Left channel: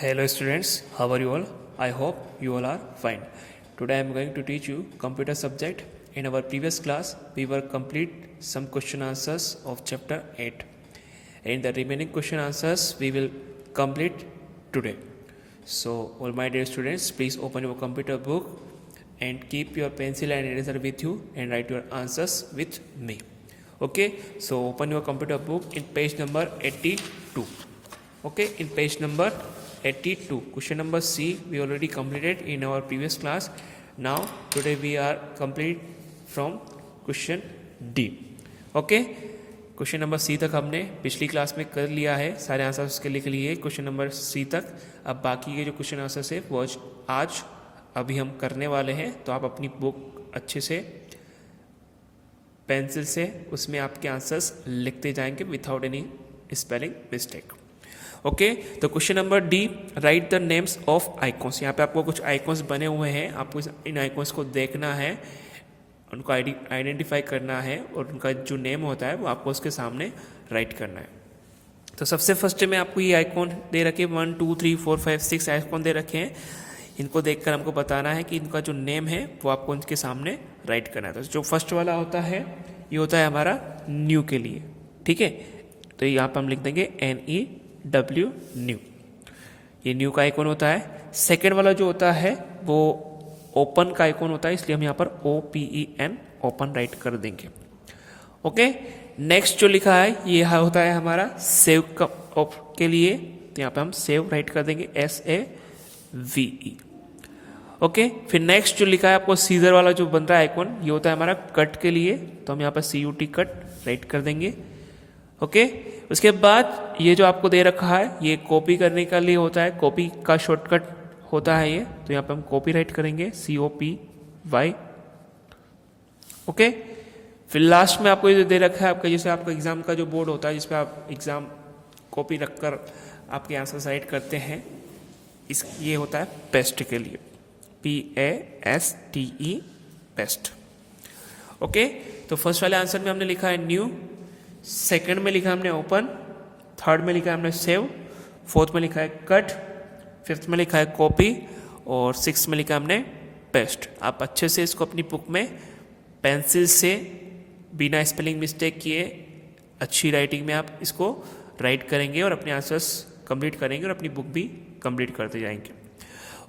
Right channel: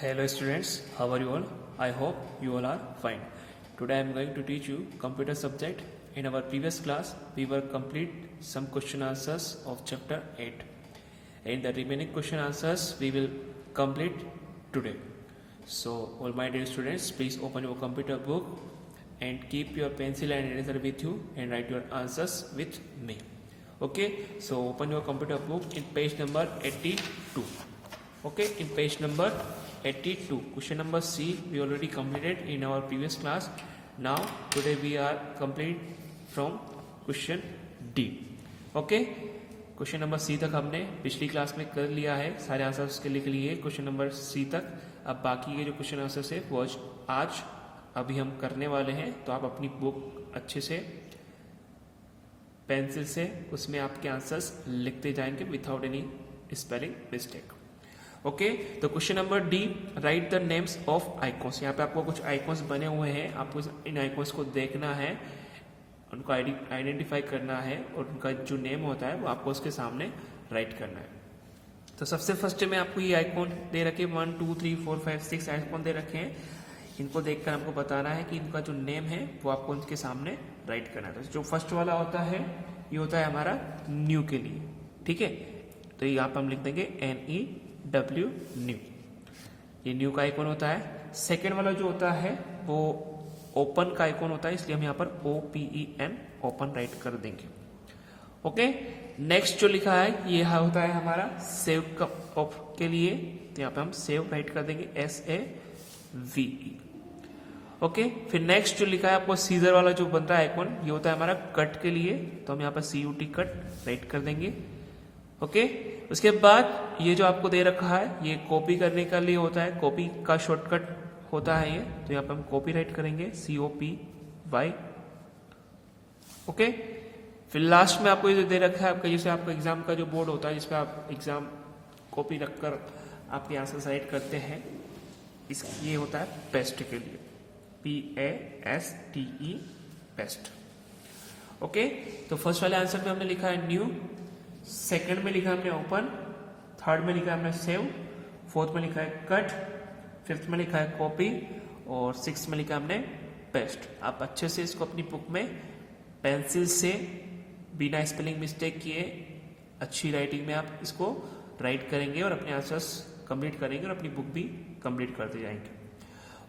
Hello students, how are you all? I hope you all are fine. Today I am going to teach you computer subject. In our previous class, we were complete some question answers of chapter 8. And the remaining question answers we will complete today. So all my dear students, please open your computer book and keep your pencil and eraser with you and write your answers with me. Okay, so open your computer book in page number 82. Okay, in page number 82, question number C we already completed in our previous class. Now today we are complete from question D. Okay, question number C तक हमने पिछली class में कर लिया है, सारे answers उसके लिख लिए क्वेश्चन नंबर सी तक. अब बाकी के जो क्वेश्चन आंसर्स है वो आज अभी हम करने वाले हैं. तो आप अपनी बुक अच्छे से पेंसिल से उसमें आपके आंसर्स लिखते जाएंगे without any spelling mistake. Okay, तो question number D, write the names of icons. यहाँ पे आपको कुछ आइकॉन्स बने हुए हैं, आपको इन आइकॉन्स को देखना है, उनको आइडेंटिफाई करना है और उनका जो नेम होता है वो आपको उसके सामने राइट करना है. तो सबसे फर्स्ट में आपको ये आइकॉन दे रखे 1 2 3 4 5 6 आइकॉन दे रखे हैं. इनको देखकर हमको बताना है कि इनका जो नेम है वो आपको उनके सामने राइट करना है. तो जो फर्स्ट वाला होता है ये होता है हमारा न्यू के लिए. ठीक है, तो यहाँ पर हम लिख देंगे NEW न्यू, ये न्यू का आइकॉन होता है. सेकेंड वाला जो होता है वो ओपन का आइकॉन होता है, इसलिए हम यहाँ पर OPEN ओपन राइट कर देंगे. ओके, नेक्स्ट जो लिखा है ये होता है हमारा सेव के लिए, तो यहाँ पे हम सेव राइट कर देंगे SAVE. ओके, फिर नेक्स्ट जो लिखा है आपको सीजर वाला जो बन रहा है आइकॉन, ये होता है हमारा कट के लिए, तो हम यहाँ पर CUT कट राइट कर देंगे. ओके, उसके बाद ये जो आपको दे रखा है ये कॉपी करने के लिए होता है, कॉपी का शॉर्टकट होता है ये, तो यहाँ पे हम कॉपी राइट करेंगे COPY. ओके, फिर लास्ट में आपको ये जो दे रखा है आपका, जैसे आपका एग्जाम का जो बोर्ड होता है जिसपे आप एग्जाम कॉपी रखकर आपके आंसर राइट करते हैं, ये होता है पेस्ट के लिए, PASTE पेस्ट. ओके, तो फर्स्ट वाले आंसर में हमने लिखा है न्यू, सेकंड में लिखा हमने ओपन, थर्ड में लिखा हमने सेव, फोर्थ में लिखा है कट, फिफ्थ में लिखा है कॉपी और सिक्स में लिखा हमने पेस्ट. आप अच्छे से इसको अपनी बुक में पेंसिल से बिना स्पेलिंग मिस्टेक किए अच्छी राइटिंग में आप इसको राइट करेंगे और अपने आंसर्स कंप्लीट करेंगे और अपनी बुक भी कंप्लीट करते जाएंगे.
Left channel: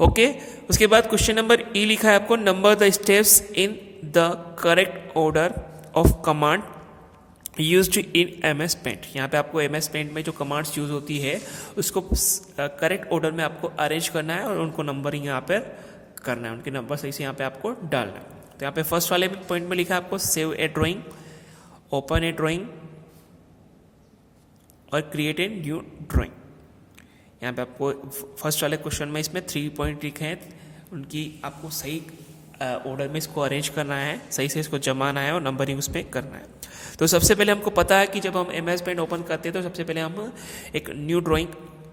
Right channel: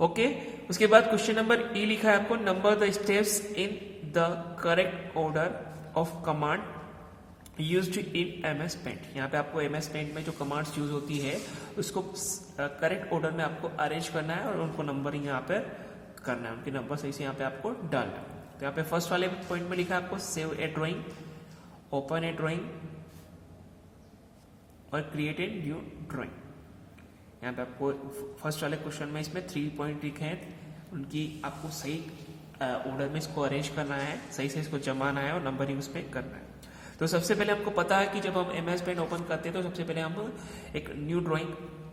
ओके, उसके बाद क्वेश्चन नंबर ई लिखा है आपको, number the steps in the correct order of command used in MS paint. यहाँ पे आपको MS पेंट में जो कमांड्स यूज होती है उसको करेक्ट ऑर्डर में आपको अरेंज करना है और उनको नंबरिंग यहाँ पर करना है, उनके नंबर सही से यहाँ पे आपको डालना है. तो यहाँ पे फर्स्ट वाले पॉइंट में लिखा है आपको सेव ए ड्राइंग, ओपन ए ड्राइंग और क्रिएट ए न्यू ड्राइंग. यहाँ पे आपको फर्स्ट वाले क्वेश्चन में इसमें 3 पॉइंट लिखे हैं, उनकी आपको सही ऑर्डर में इसको अरेंज करना है, सही से इसको जमाना है और नंबरिंग उस पर करना है. तो सबसे पहले हमको पता है कि जब हम MS पेंट ओपन करते हैं तो सबसे पहले हम एक न्यू ड्राइंग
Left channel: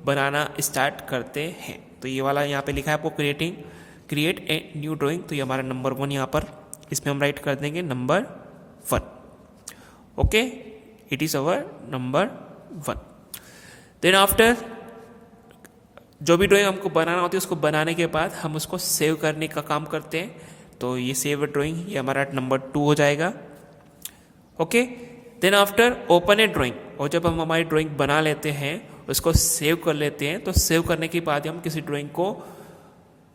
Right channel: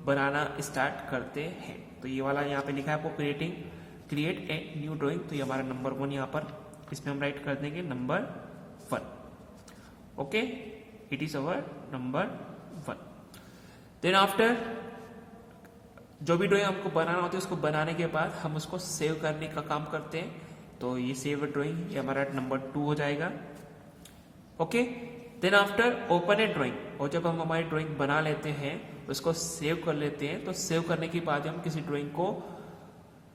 बनाना स्टार्ट करते हैं. तो ये वाला यहाँ पे लिखा है आपको क्रिएट ए न्यू ड्राइंग, तो ये हमारा नंबर 1 यहाँ पर इसमें हम राइट कर देंगे number 1. Okay, it is our number 1. Then after जो भी ड्राइंग हमको बनाना होती है उसको बनाने के बाद हम उसको सेव करने का काम करते हैं. तो ये सेव ड्राइंग ये हमारा नंबर 2 हो जाएगा. ओके, देन आफ्टर ओपन ए ड्राइंग, और जब हम हमारी ड्राइंग बना लेते हैं उसको सेव कर लेते हैं, तो सेव करने के बाद हम किसी ड्राइंग को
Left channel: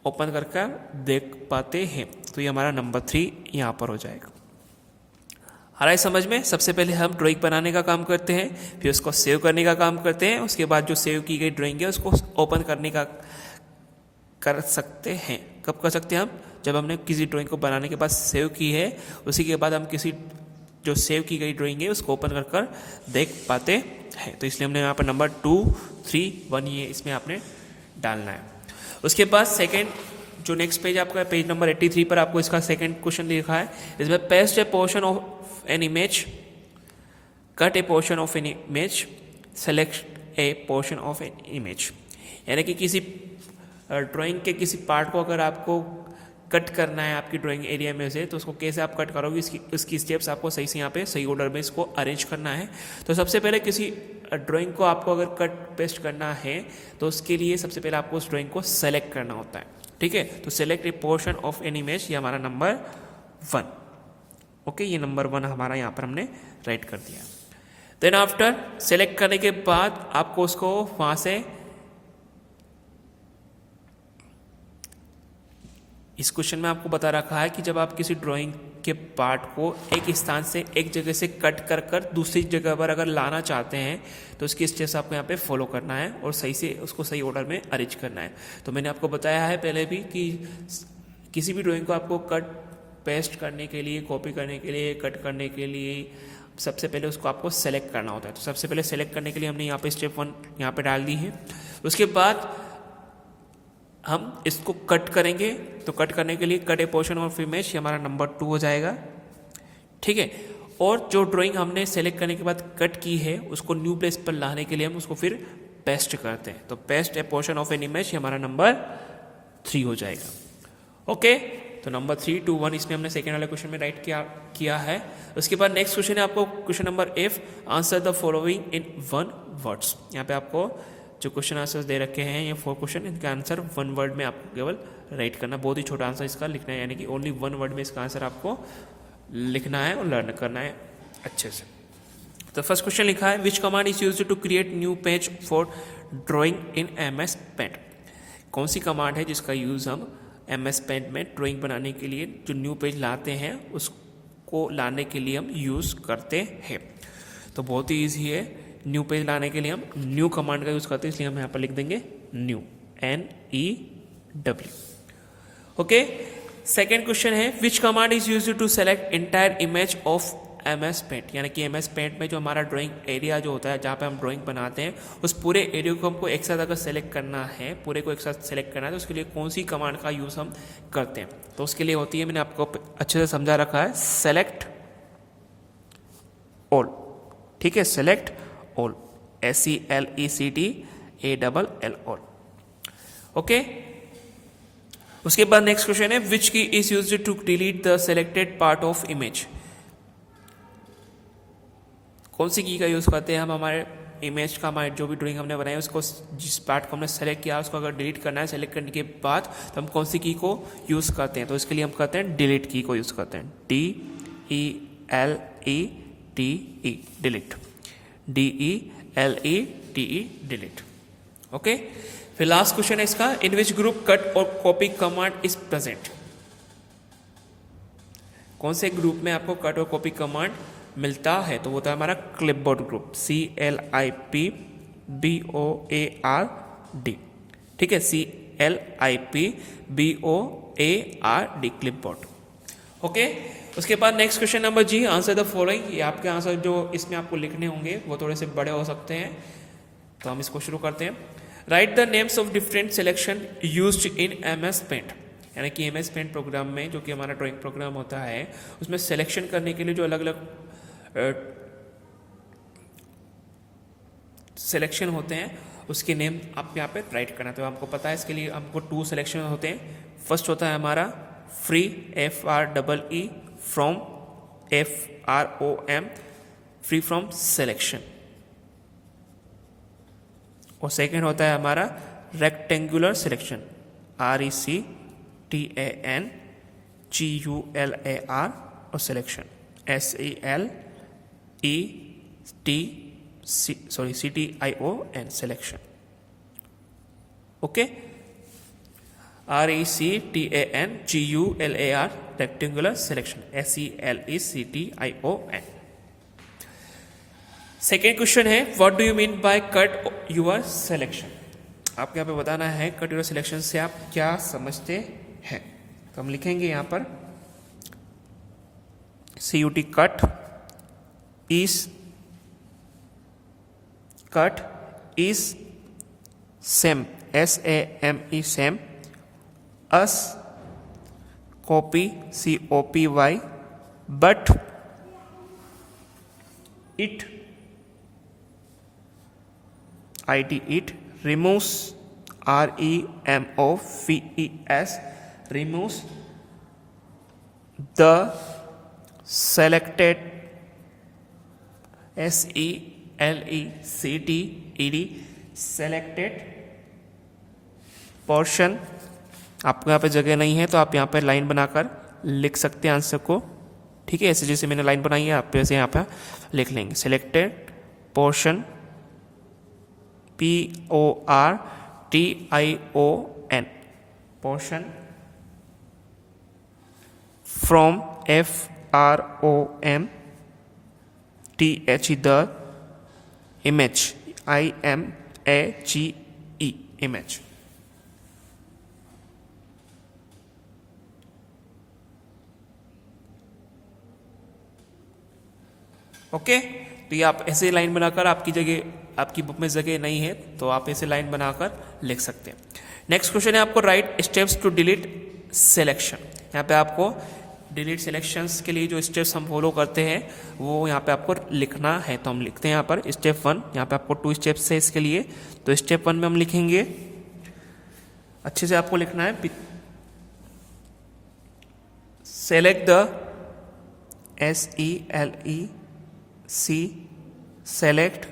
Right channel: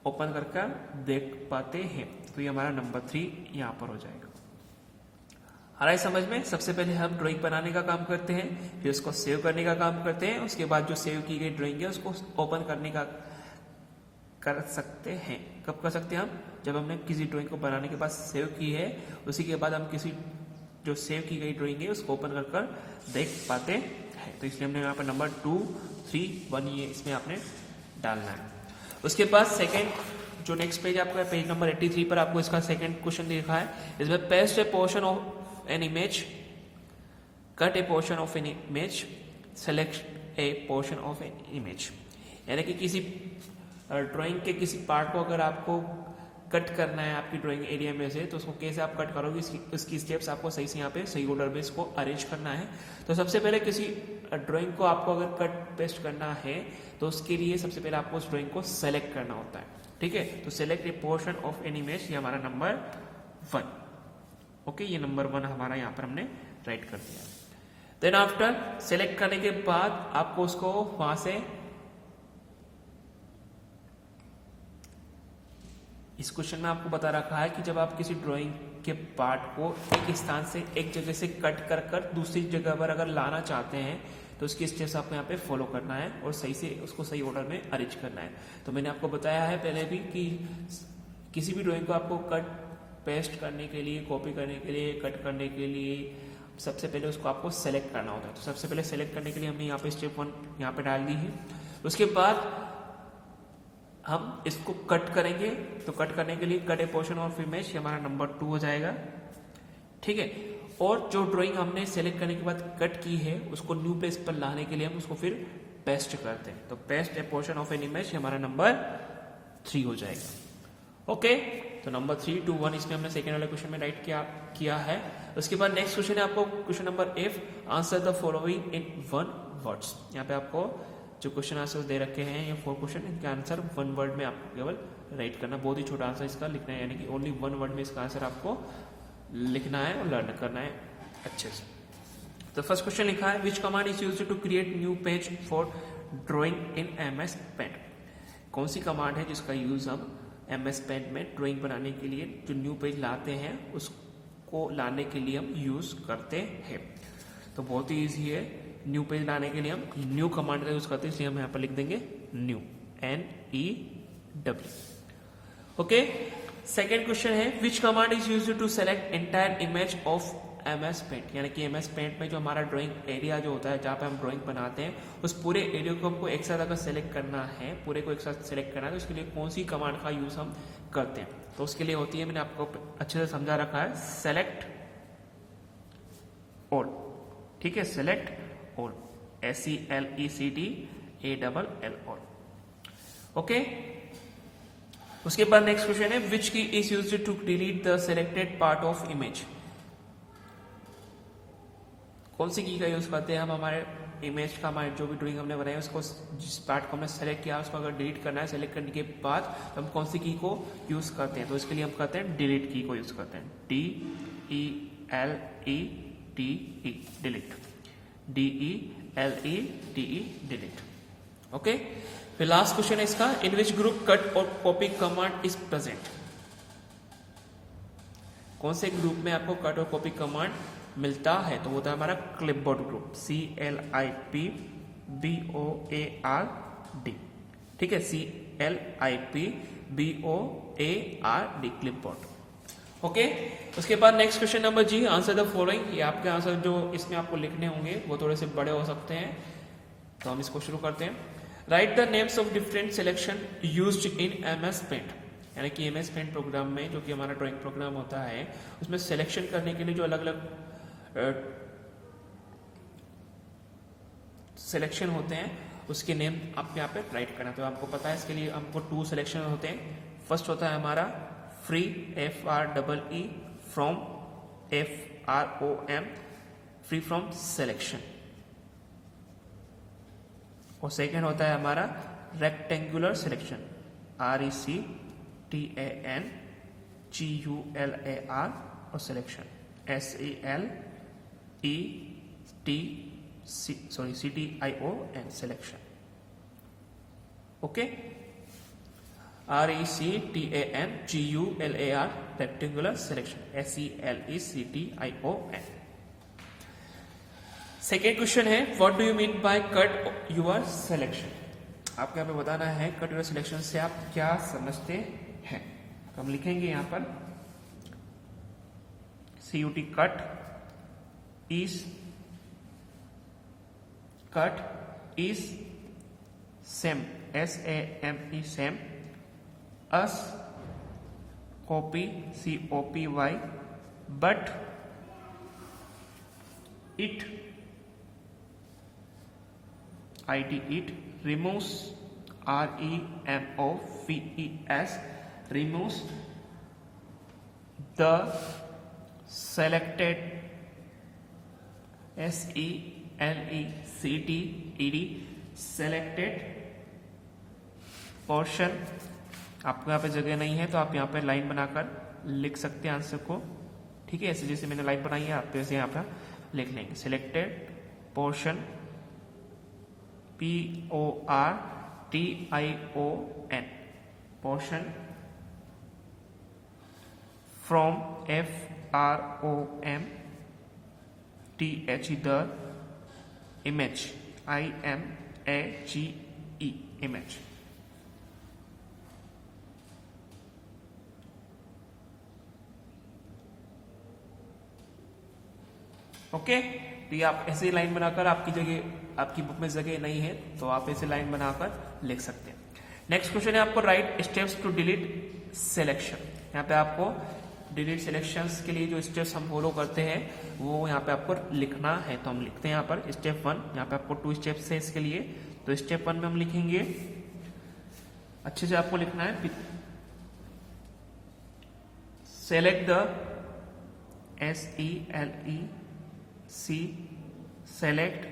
ओपन करके देख पाते हैं. तो ये हमारा नंबर 3 यहाँ पर हो जाएगा. आ रहा है समझ में? सबसे पहले हम ड्राइंग बनाने का काम करते हैं, फिर उसको सेव करने का काम करते हैं, उसके बाद जो सेव की गई ड्राइंग है उसको ओपन करने का कर सकते हैं. कब कर सकते हैं हम? जब हमने किसी ड्राइंग को बनाने के बाद सेव की है, उसी के बाद हम किसी जो सेव की गई ड्राइंग है उसको ओपन कर देख पाते हैं. तो इसलिए हमने यहाँ पर नंबर 2 3 1 ये इसमें आपने डालना है. उसके बाद सेकंड जो नेक्स्ट पेज आपका पेज नंबर 83 पर आपको इसका सेकंड क्वेश्चन लिखा है, इसमें paste A portion of an image, cut A portion of an image, select A portion of an image. यानी कि किसी ड्राइंग के किसी पार्ट को अगर आपको कट करना है आपकी ड्राइंग एरिया में से, तो उसको कैसे आप कट करोगे, उसकी स्टेप्स आपको सही से यहाँ पे सही ऑर्डर में इसको अरेंज करना है. तो सबसे पहले किसी ड्राइंग को आपको अगर कट पेस्ट करना है तो उसके लिए सबसे पहले आपको उस ड्राइंग को सेलेक्ट करना होता है, ठीक है। तो select A portion of an image, ये हमारा नंबर 1, ओके। ये नंबर 1 हमारा यहाँ पर हमने राइट कर दिया। देन आफ्टर सेलेक्ट करने के बाद आपको उसको वहाँ से, इस क्वेश्चन में आपको बता रखा है कि जब आप किसी ड्राइंग के पार्ट को एक स्थान से, एक जगह से कट कर कर दूसरी जगह पर अगर लाना चाहते हैं तो उसकी स्टेप्स आपको यहाँ पे फॉलो करना है और सही से उसको सही ऑर्डर में अरेंज करना है। तो मैंने आपको बताया है पहले भी कि किसी भी ड्राइंग को आपको कट पेस्ट करने के लिए, कॉपी करने के लिए, कट करने के लिए सबसे पहले उसको आपको सेलेक्ट करना होता है। तो सबसे पहले सेलेक्ट करने के लिए हमने यहाँ पे स्टेप 1 यहाँ पे डाल दी है। उसके बाद हम इसको कट करेंगे, तो कट करने के लिए cut A portion of image, ये हमारा नंबर 2 हो जाएगा, ठीक है। और जो ड्राइंग हमने सेलेक्ट करने के बाद कट की है उसको न्यू प्लेस पर लाने के लिए हम उसको फिर पेस्ट करते हैं। तो paste A portion of an image, ये हमारा नंबर 3 हो जाएगा, ओके। तो नंबर 3, 2, 1 इसमें हमने सेकेंड वाले क्वेश्चन में राइट किया है। उसके बाद नेक्स्ट क्वेश्चन है आपको question number F, answer the following in 1 words. यहाँ पे आपको जो क्वेश्चन आंसर्स दे रखे हैं ये 4 क्वेश्चन, इनका आंसर 1 वर्ड में आपको केवल राइट करना, बहुत ही छोटा आंसर इसका लिखना है, यानी कि ओनली 1 वर्ड में इसका आंसर आपको लिखना है और लर्न करना है अच्छे से। तो फर्स्ट क्वेश्चन लिखा है, which command is used to create new page for drawing in MS paint. कौन सी कमांड है जिसका यूज हम MS पेंट में ड्राइंग बनाने के लिए जो न्यू पेज लाते हैं उसको लाने के लिए हम यूज करते हैं। तो बहुत ही ईजी है, न्यू पेज लाने के लिए हम न्यू कमांड का यूज करते हैं, इसलिए हम यहाँ पर लिख देंगे new, NEW, okay. Second question है, which command is used to select entire image of MS paint. यानी कि MS पेंट में जो हमारा ड्राइंग एरिया जो होता है जहाँ पे हम ड्राइंग बनाते हैं उस पूरे एरिया को हमको एक साथ अगर सेलेक्ट करना है, पूरे को एक साथ सेलेक्ट करना है, तो उसके लिए कौन सी कमांड का यूज हम करते हैं। तो उसके लिए होती है, मैंने आपको अच्छे से समझा रखा है, सेलेक्ट ऑल, ठीक है, select all, SELECTALL all, okay. उसके बाद नेक्स्ट क्वेश्चन है, which key is used to delete the selected part of image. कौन सी की का यूज करते हैं हम हमारे इमेज का, हमारे जो भी ड्राइंग हमने बनाया उसको, जिस पार्ट को हमने सेलेक्ट किया उसको अगर डिलीट करना है, सेलेक्ट करने के बाद तो हम कौन सी की को यूज करते हैं। तो इसके लिए हम करते हैं डिलीट की को यूज करते हैं, DELETE, delete, DELETE, delete, okay. फिर लास्ट क्वेश्चन है इसका, इन विच ग्रुप कट और कॉपी कमांड इज प्रेजेंट। कौन से ग्रुप में आपको कट और कॉपी कमांड मिलता है। तो होता है हमारा क्लिपबोर्ड ग्रुप, CLIPBOARD, ठीक है, CLIPBOARD, क्लिपबोर्ड, ओके। उसके बाद next question number G, answer the following. ये आपके आंसर जो इसमें आपको लिखने होंगे वो थोड़े से बड़े हो सकते हैं, तो हम इसको शुरू करते हैं। Write the names of different selection used in MS paint. यानी कि MS पेंट प्रोग्राम में, जो कि हमारा ड्राइंग प्रोग्राम होता है, उसमें सिलेक्शन करने के लिए जो अलग अलग सिलेक्शन होते हैं उसके नेम आप यहाँ पे राइट करना। तो आपको पता है इसके लिए हमको 2 सिलेक्शन होते हैं। फर्स्ट होता है हमारा free, FREE, from, FROM, free from selection. और सेकेंड होता है हमारा रेक्टेंगुलर सिलेक्शन, RECTANGULAR, और selection, CTION, selection, okay. RECTANGULAR, rectangular selection, SELECTION। Second question है, what do you mean by cut your selection. आपको यहाँ पे बताना है कट योर सिलेक्शन से आप क्या समझते हैं। तो हम लिखेंगे यहाँ पर CUT, cut is same, SAME, same, us, copy, COPY, but, it, IT, it, removes, REMOVES, removes, the selected, selected portion। आपको यहाँ पे जगह नहीं है तो आप यहाँ पे लाइन बनाकर लिख सकते हैं आंसर को, ठीक है। ऐसे जैसे मैंने लाइन बनाई है आप वैसे यहाँ पे लिख लेंगे। Selected portion, PORTION, portion from FROM THE the image, IMAGE, image। Okay, तो ये आप ऐसे लाइन बनाकर, आपकी जगह आपकी बुक में जगह नहीं है तो आप ऐसे लाइन बनाकर लिख सकते हैं। नेक्स्ट क्वेश्चन है आपको write steps to delete selection. यहाँ पे आपको डिलीट सिलेक्शंस के लिए जो स्टेप्स हम फॉलो करते हैं वो यहाँ पे आपको लिखना है। तो हम लिखते हैं यहाँ पर स्टेप 1। यहाँ पे आपको 2 स्टेप्स है इसके लिए। तो स्टेप 1 में हम लिखेंगे, अच्छे से आपको लिखना है, select the select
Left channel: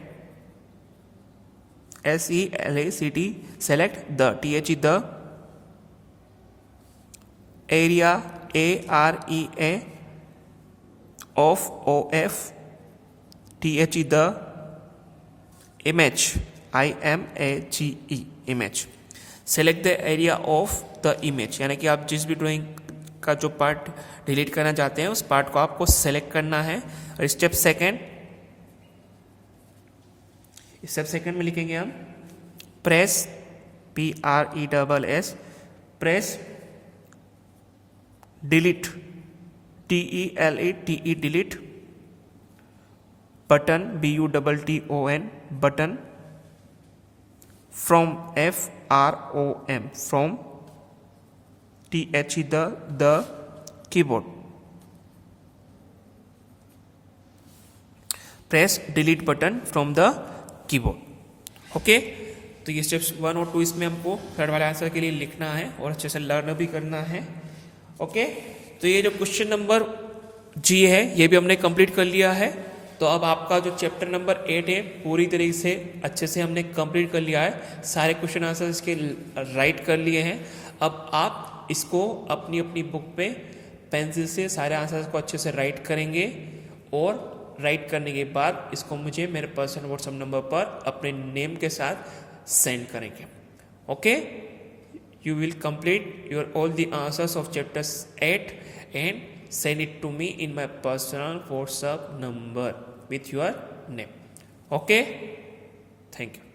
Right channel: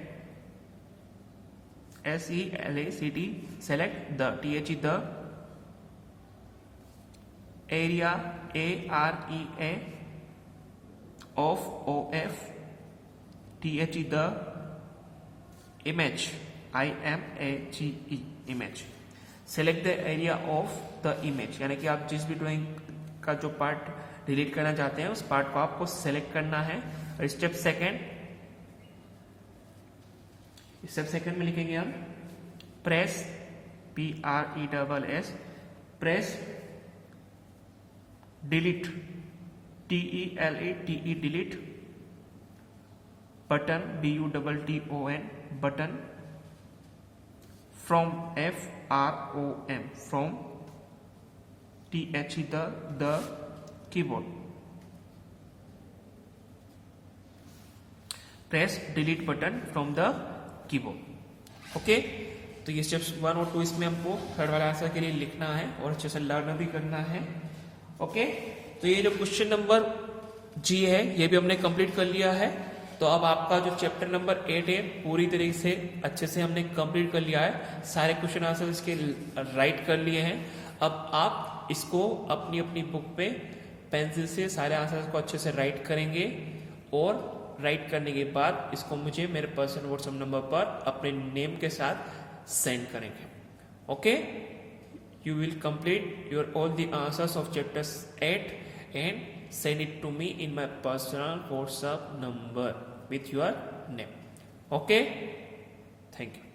select the the area area of the image image image। select the area of the image, यानी कि आप जिस भी ड्राइंग का जो पार्ट डिलीट करना चाहते हैं उस पार्ट को आपको सेलेक्ट करना है। और स्टेप सेकंड में लिखेंगे हम press PRESS press delete DELETE delete button BUTTON button from FROM from THE the keyboard. Press delete button from the keyboard. Okay, तो ये स्टेप्स 1 और 2 इसमें हमको थर्ड वाले आंसर के लिए लिखना है और अच्छे से लर्न भी करना है। ओके, तो ये जो क्वेश्चन नंबर जी है ये भी हमने कंप्लीट कर लिया है। तो अब आपका जो चैप्टर नंबर 8 है पूरी तरीके से अच्छे से हमने कंप्लीट कर लिया है। सारे क्वेश्चन आंसर इसके राइट कर लिए हैं। अब आप इसको अपनी अपनी बुक पे पेंसिल से सारे आंसर्स को अच्छे से राइट करेंगे और राइट करने के बाद इसको मुझे मेरे पर्सनल व्हाट्सएप नंबर पर अपने नेम के साथ सेंड करेंगे। Okay, you will complete your all the answers of chapters 8 and send it to me in my personal WhatsApp number with your name. Okay, thank you.